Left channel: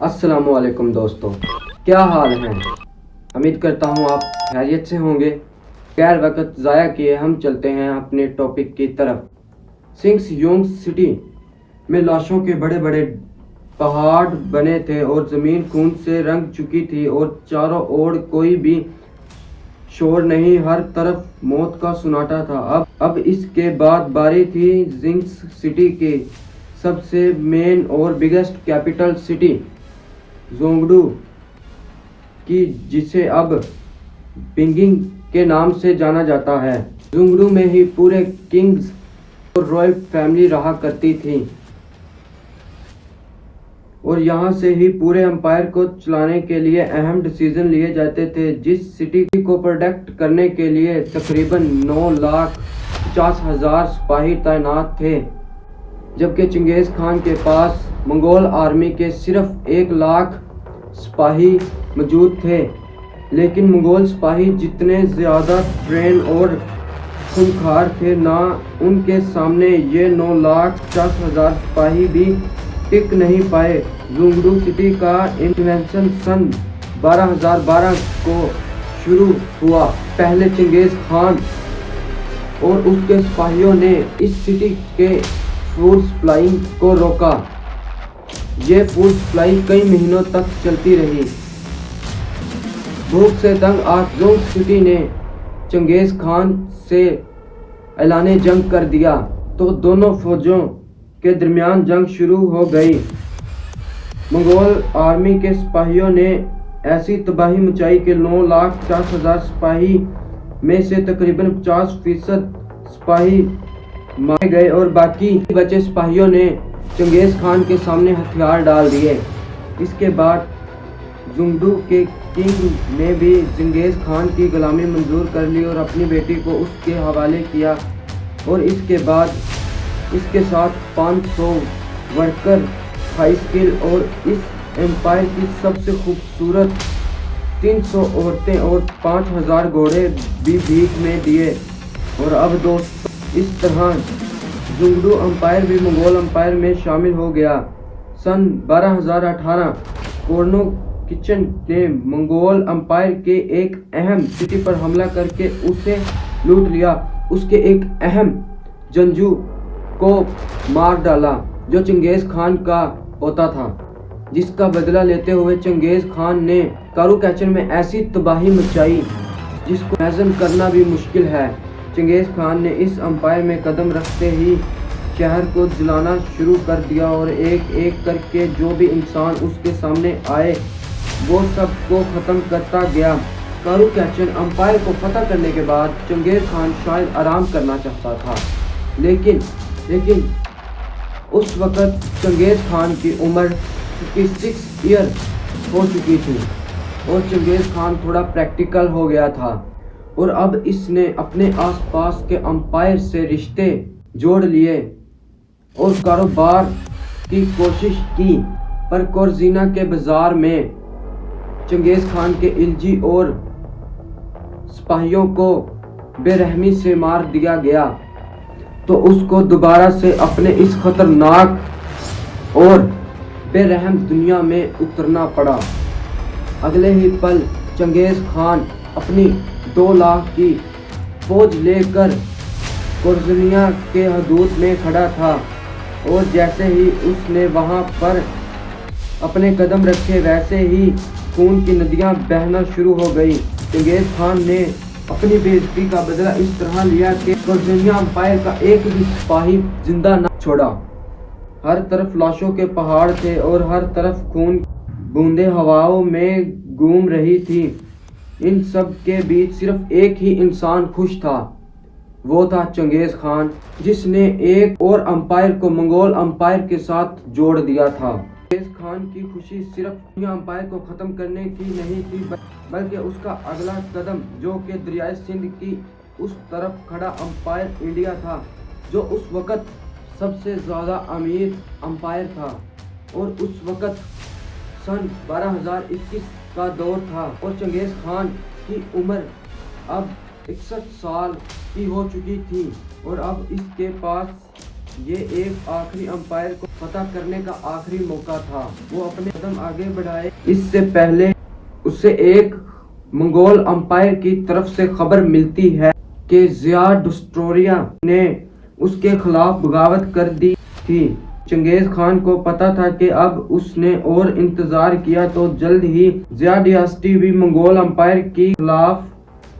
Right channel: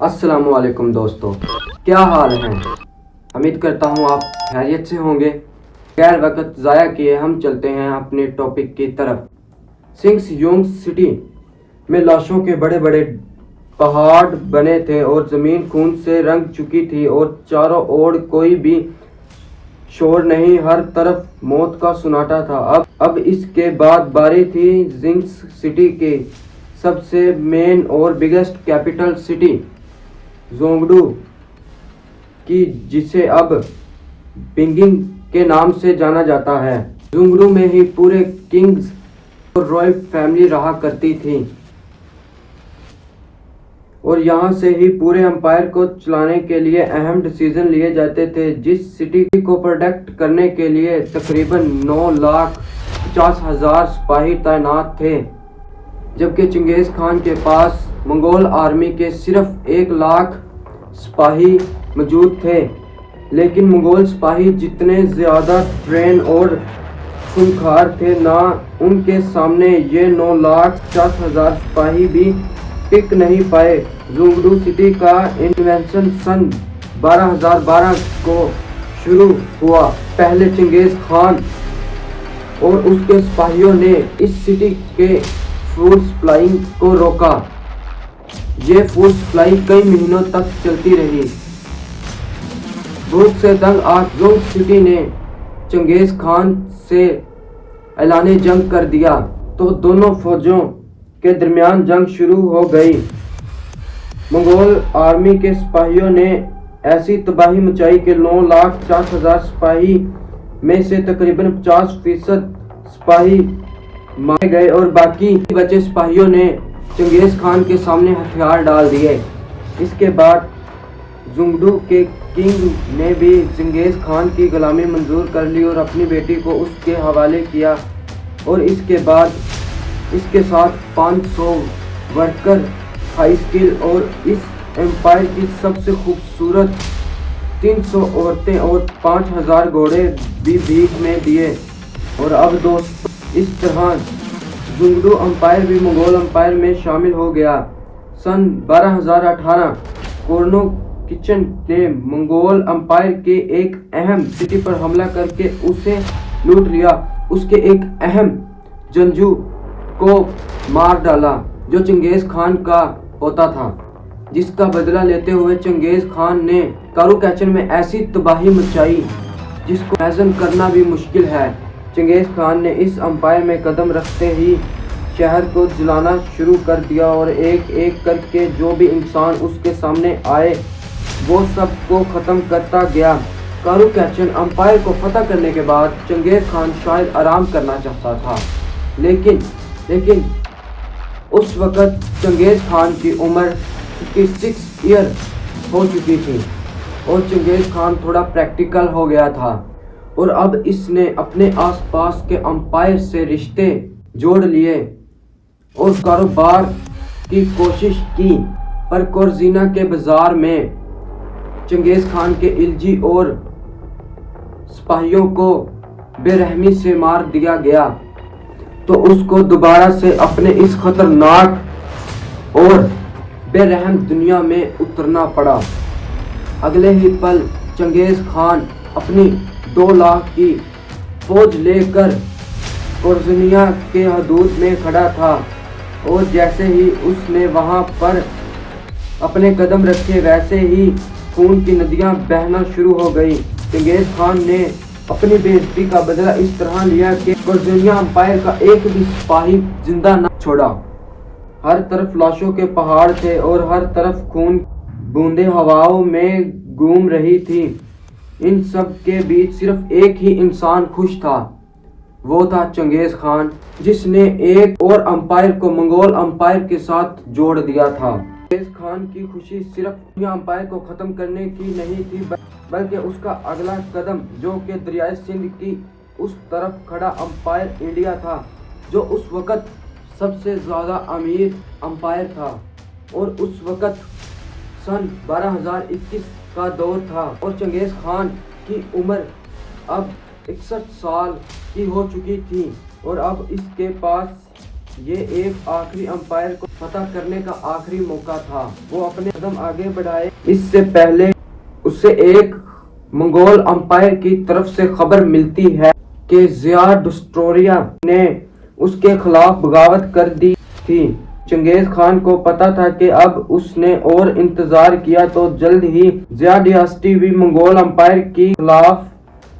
अस्सलामुअलैकुम दोस्तों, क्या हाल हैं। उम्मीद करता हूँ आप खैरियत से होंगे। गैर वक्त ज़ाया किए हम चलते हैं अपने टॉपिक की तरफ। सिंक्स सिटी में लाशों के बड़े बड़े पहाड़ बने थे और ज़मीन खून से रंग चुकी थी और चारों ओर कोई भी शोर नहीं, हर तरफ मौत का सुनाटा था। अब इसके बाद बारी थी जिंक्स सिटी के सबसे मेन और बिगेस्ट कैपिटल सिटी जोंगडू की, जिसे अब बिंगिंग के नाम से जाना जाता है। जोंगडू में ही पूरे किंग्स और रॉयल फैमिली रहा करती थी और यहाँ से ही पूरे एम्पायर को चलाने के लिए अहम डिसीजन लिए जाते थे। जिस सिटी को प्रोटेक्ट करने के लिए तकरीबन 9,50,000 सिपाही तैनात थे, जबकि चंगेज़ खान के पास मंगोल आर्मी के सिर्फ 1,00,000 सिपाही मौजूद थे। लेकिन मंगोल सिपाही जितने ज़्यादा ट्रेन और खूंखार थे, ना उनके सामने ये 9,50,000 सिपाही भी टिक नहीं पाए। जोंगडू सिटी का इन्वेंशन सन 12,012 को शुरू हुआ। पहले चंगेज़ खान और उसके सिपाहियों ने इस सिटी के फूड सप्लाई को रोका। ये फूड सप्लाई कई महीनों तक चलती रही। भूख से तंग जोंग सिटी ने चंगेज़ खान से ऐलाने जंग कर दिया, तो दोनों फौजों के दरमियान जंग शुरू हो गई। मंगोल आर्मी के सिपाहियों ने ऐसी तबाही मचाई कि 9,50,000 सिपाही में से तकरीबन 50% सिपाही मारे गए और बाकी बचे सिपाहियों ने चंगेज़ खान के सामने हथियार डाल दिए। इसके बाद जोंगडू के किंग ने भी चंगेज़ खान की गुलामी मंजूर कर ली और अपनी बेटी को उसके हवाले किया और इसके बाद इसके साथ 500 वर्कर, हाई स्किल और इस एम्पायर की सबसे खूबसूरत 300 औरतें और 5,000 घोड़े भी भीख में दिए। और अब दोस्तों, इस तरह जोंगडू एम्पायर भी मंगोल एम्पायर में शामिल हो गया। सन 1218 कोर्नो किचन ने मंगोल एम्पायर के एक अहम सिटी पर हमला करके उसे लूट लिया। उसके एक अहम जंगजू को मार डाला जो चंगेज़ खान का पोता था, जिसका बदला लेते हुए चंगेज़ खान ने कारू कैचन में ऐसी तबाही मचाई जिसको इमेजिन करना भी मुश्किल है। चंगेज़ खान ने इस एम्पायर में कदम रखते ही शहर को जलाना शुरू कर दिया और एक एक करके जो भी इंसान उसके सामने आए वो सबको ख़त्म करता गया। कारू कैचन एम्पायर को फतह करने के बाद चंगेज़ खान शायद आराम करना चाहता था, लेकिन उस वक़्त चंगेज़ खान की उम्र 56 ईयर हो चुकी थी और चंगेज़ खान थोड़ा प्रैक्टिकल हो गया था और अब इसने अपने आसपास के एम्पायर से रिश्ते जोड़ लिए और कारोबार की कोशिश की। पर कोरजीना के बाजार में चंगेज़ खान के इल्जी और सिपाहियों को बेरहमी से मार दिया गया, तो उसको दोबारा से अपने इस खतरनाक और बेरहम दुनिया में उतरना पड़ा। अगले ही पल चंगेज़ खान अपनी 2 लाख की फौज लेकर कोरजिनिया के हदूद में खड़ा था और जैसे ही उसने वहां पर अपने कदम रखे, वैसे ही खून की नदियां बहना शुरू हो गई। चंगेज़ खान ने अपनी बेइज्जती का बदला इस तरह लिया कि कोरजिनिया एम्पायर का एक भी सिपाही जिंदा न छोड़ा। हर तरफ लाशों के पहाड़ थे और हर तरफ खून बूंदे हवाओं में घूम रही थी। इन सब के बीच सिर्फ एक ही इंसान खुश था, वो था चंगेज़ खान, जिसने एक और एम्पायर को मंगोल एम्पायर के साथ जोड़ दिया था। चंगेज़ खान की खुशी सिर्फ एम्पायर को ख़त्म करने की नहीं थी, बल्कि उसका अगला कदम, जो कि दरियाए सिंध की उस तरफ खड़ा एम्पायर इंडिया था, जो उस वक़्त सबसे ज़्यादा अमीर एम्पायर था और उस वक़्त सन 1221 का दौर था और चंगेज़ खान की उम्र अब 61 साल की हो चुकी थी और अब इसके पास ये एक आखिरी अंपायर को पता करने का आखिरी मौका था। वो अपने कदम आगे बढ़ाए इससे पहले उसे एक मंगोल अंपायर की तरफ से खबर मिलती है कि ज़ियाडस्ट्रोया ने उसके खिलाफ बगावत कर दी थी। चंगेज खान को पता था कि अब उसने और इंतजार किया तो जल्द ही ज़िया डायनेस्टी भी मंगोल अंपायर के खिलाफ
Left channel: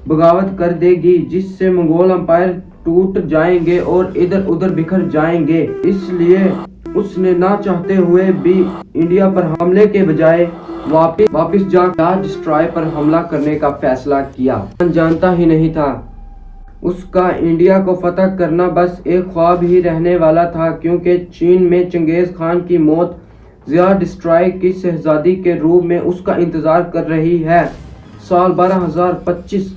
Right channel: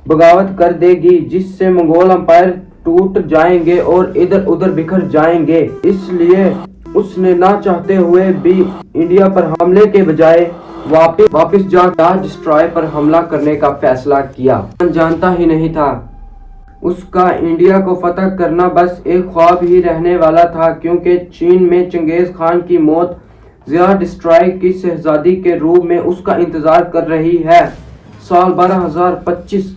बगावत कर देगी, जिससे मंगोल अंपायर टूट जाएंगे और इधर उधर बिखर जाएंगे। इसलिए उसने ना चाहते हुए भी इंडिया पर हमले के बजाय वापस जाकर डिस्ट्रॉय पर हमला करने का फैसला किया। जानता ही नहीं था उसका इंडिया को फतह करना बस एक ख्वाब ही रहने वाला था, क्योंकि चीन में चंगेज खान की मौत ज़िया डिस्ट्रॉय की शहजादी के रूप में उसका इंतजार कर रही है। साल 12,025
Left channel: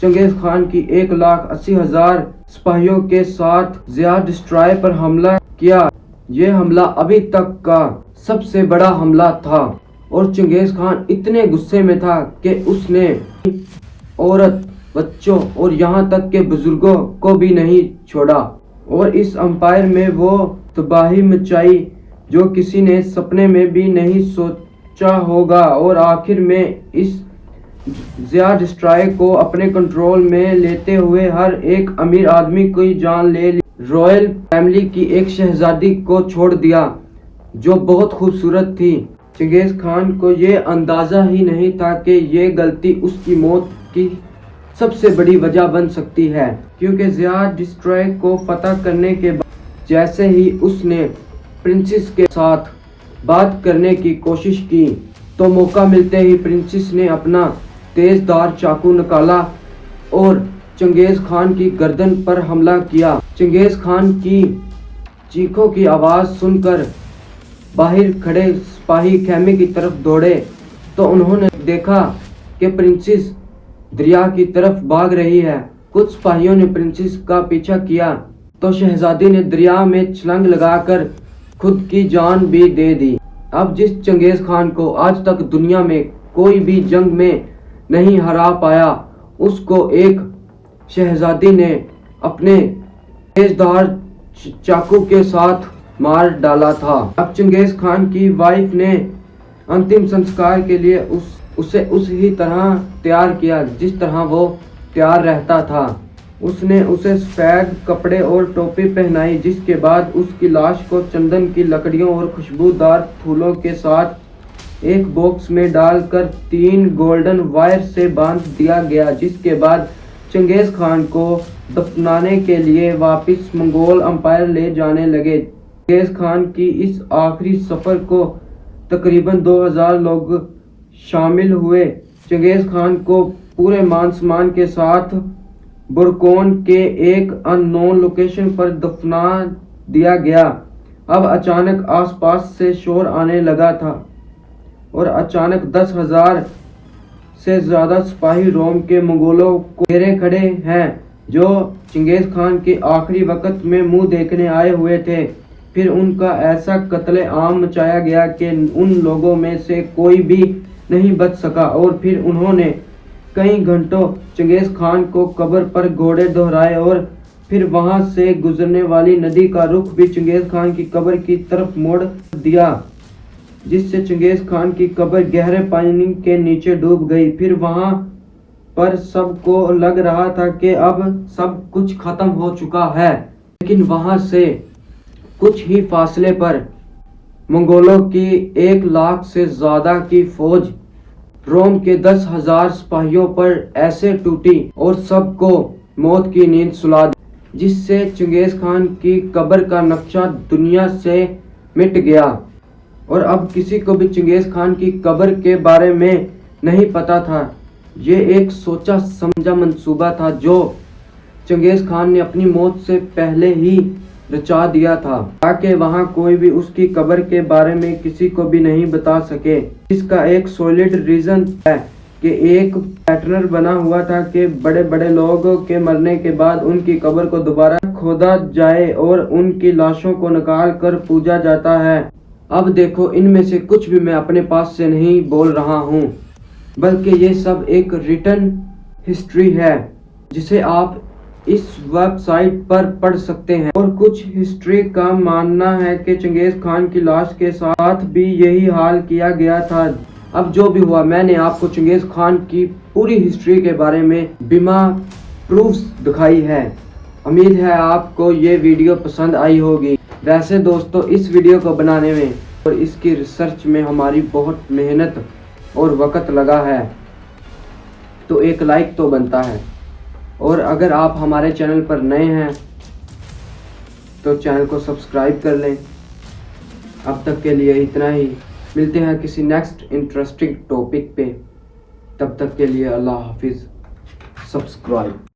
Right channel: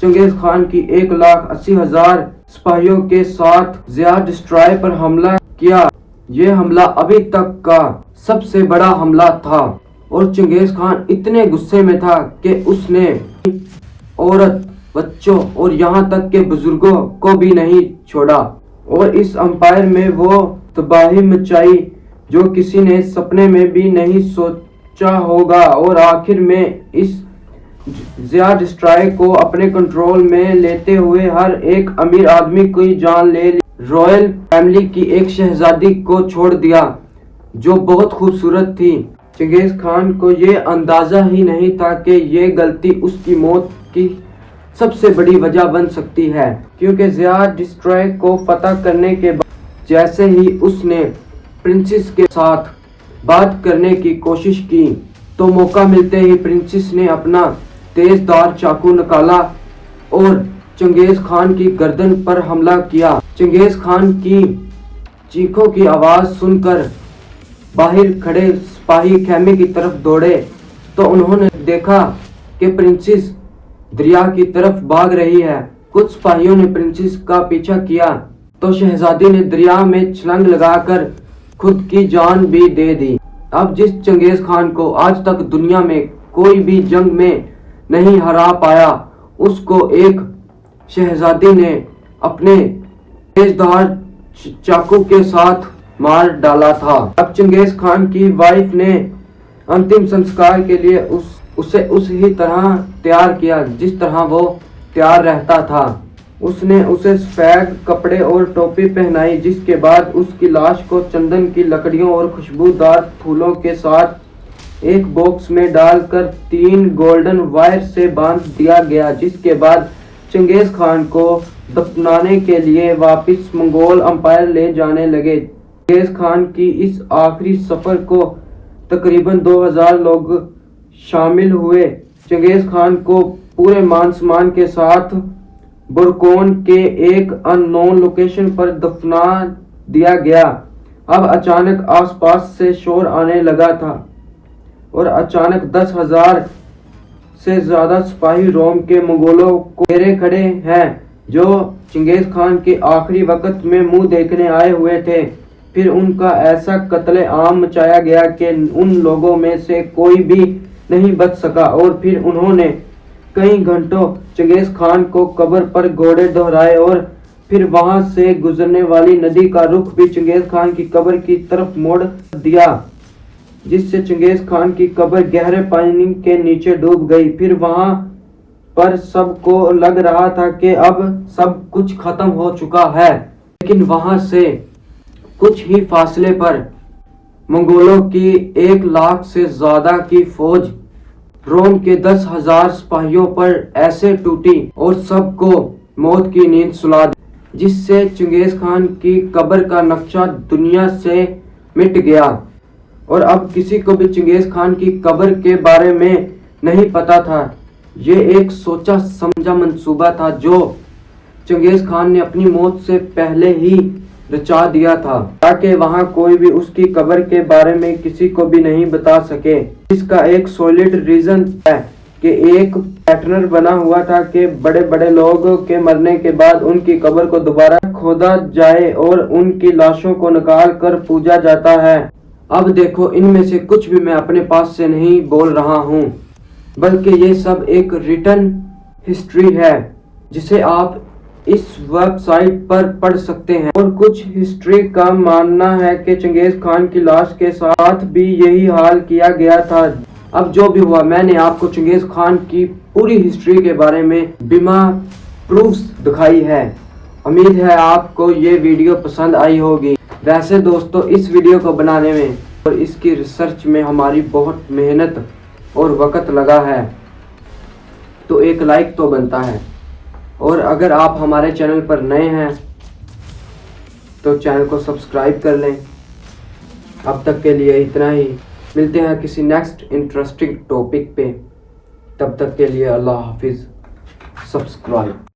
चंगेज खान की 1,80,000 सिपाहियों के साथ ज़िया डिस्ट्रॉय पर हमला किया। ये हमला अभी तक का सबसे बड़ा हमला था और चंगेज खान इतने गुस्से में था कि उसने औरत, बच्चों और यहाँ तक के बुजुर्गों को भी नहीं छोड़ा और इस अंपायर में वो तबाही मचाई जो किसी ने सपने में भी नहीं सोचा होगा। और आखिर में इस ज़िया डिस्ट्रॉय को अपने कंट्रोल में लेते हुए हर एक अमीर आदमी की जान ले ली। रॉयल फैमिली की एक शहजादी को छोड़ दिया जो बहुत खूबसूरत थी। चंगेज खान को ये अंदाजा ही नहीं था कि ये गलती उसकी मौत की सबसे बड़ी वजह बन सकती है, क्योंकि ज़िया डिस्ट्रॉय को फतह करने के बाद जैसे ही उसने प्रिंसेस के साथ बात करने की कोशिश की तो मौका मिलते ही प्रिंसेस ने अपना तेजधार चाकू निकाला और चंगेज खान की गर्दन पर हमला किया। चंगेज खान की चीखों की आवाज सुनकर बाहर खड़े सिपाही खेमे की तरफ दौड़े तो उन्होंने देखा कि प्रिंसेस दरिया की तरफ भाग रही है। कुछ सिपाहियों ने प्रिंसेस का पीछा किया तो शहजादी ने दरिया में छलांग लगाकर खुद की जान भी दे दी। अब जिस चंगेज खान को आज तक दुनिया में कोई भी जंग में नहीं हरा पाया, उसको एक शहजादी ने अपने तेजधार चाकू के साथ मार डाला था। अब चंगेज खान की वाइफ ने अंतिम संस्कार के लिए उसे उसी तरह तैयार किया जिस तरह वो तैयार रहता था। उसने उसे सफेद कपड़े और टोपी पहनाई, जिसके बाद उसकी लाश को चंदन की लकड़ियों और खुशबूदार फूलों के साथ एक बॉक्स में डालकर 3 गोल्डन वायर से बांध दिया गया। जिसके बाद चंगेज खान को दफनाने के लिए वापस मंगोल अंपायर ले जाने लगे। चंगेज खान की इस आखिरी सफर को तकरीबन 2000 लोग शामिल हुए। चंगेज खान को पूरे मान सम्मान के साथ बुरकोन के एक अननोन लोकेशन पर दफना दिया गया। अब अचानक आसपास से शोर आने लगा था और अचानक 10,000 से ज्यादा सिपाही रोम के मंगोलों को घेरे खड़े हैं जो चंगेज खान के आखिरी वक्त में मुंह देखने आए हुए थे। फिर उनका ऐसा कत्ले आम मचाया गया कि उन लोगों में से कोई भी नहीं बच सका और फिर उन्होंने कई घंटों चंगेज खान को कब्र पर घोड़े दोहराए और फिर वहां से गुजरने वाली नदी का रुख भी चंगेज खान की कब्र की तरफ मोड़ दिया, जिससे चंगेज खान की कब्र गहरे पानी के नीचे डूब गई। फिर वहां पर सबको लग रहा था कि अब सब कुछ खत्म हो चुका है, लेकिन वहां से कुछ ही फासले पर मंगोलों की 1 लाख से ज्यादा की फौज रोम के 10,000 सिपाहियों पर ऐसे टूटी और सबको मौत की नींद सुला दी, जिससे चंगेज खान की कब्र का नक्शा दुनिया से मिट गया और अब किसी को भी चंगेज खान की कब्र के बारे में नहीं पता था। ये एक सोचा समझा मंसूबा था जो चंगेज खान ने अपनी मौत से पहले ही रचा दिया था, ताकि वहां कोई भी उसकी कब्र के बारे में किसी को भी नहीं बता सके। इसका एक सॉलिड रीजन है कि एक पैटर्न बना हुआ था कि बड़े बड़े लोगों के मरने के बाद उनकी कब्र को दोबारा खोदा जाए और उनकी लाशों को निकाल कर पूजा जाता है। अब देखो, इनमें से कुछ भी मैं अपने पास से नहीं बोल रहा हूँ, बल्कि ये सब एक रिटन हिस्ट्री है जिसे आप इस वेबसाइट पर पढ़ सकते हैं। और कुछ हिस्ट्री का मानना है कि चंगेज खान की लाश के साथ भी यही हाल किया गया था। अब जो भी हुआ, मैंने आपको चंगेज खान की पूरी हिस्ट्री के बारे में बिना प्रूफ्स दिखाई है। उम्मीद है आपको ये वीडियो पसंद आई होगी। वैसे दोस्तों, इस वीडियो को बनाने में और इसकी रिसर्च में हमारी बहुत मेहनत और वक़्त लगा है, तो एक लाइक तो बनता है। और अगर आप हमारे चैनल पर नए हैं तो चैनल को सब्सक्राइब कर लें। अब तक के लिए इतना ही। मिलते हैं किसी नेक्स्ट इंटरेस्टिंग टॉपिक पे। तब तक के लिए अल्लाह हाफिज़। सब्सक्राइब।